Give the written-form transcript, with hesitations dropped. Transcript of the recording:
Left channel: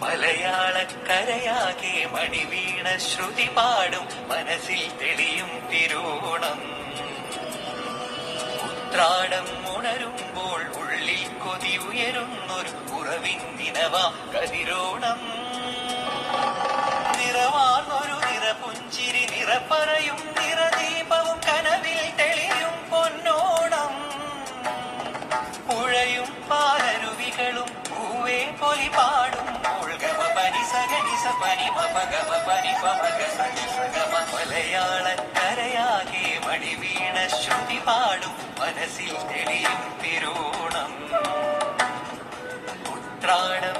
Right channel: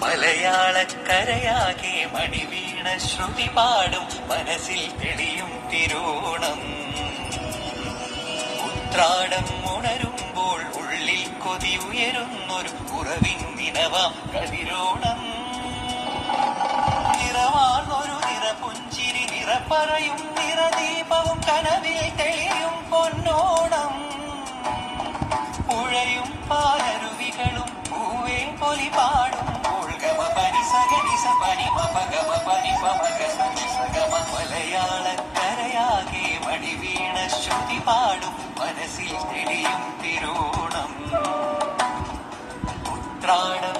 മലയാളക്കരയാകെ മണിവീണ ശ്രുതി പാടും മനസ്സിൽ തെളിയും തിരുവോണം. ഉത്രാടം ഉണരുമ്പോൾ ഉള്ളിൽ കൊതി ഉയരുന്നൊരു ഉറവിൻ നിലവാം കതിരോണം. നിറമാർന്നൊരു നിറപുഞ്ചിരി നിറപ്പറയും നിറദീപവും കനവിൽ തെളിയും പൊന്നോണം. പുഴയും പാലരുവികളും പൂവേ പൊലി പാടും മലയാളക്കരയാകെ മണിവീണ ശ്രുതി പാടും മനസ്സിൽ തെളിയും തിരുവോണം. ഉത്രാടം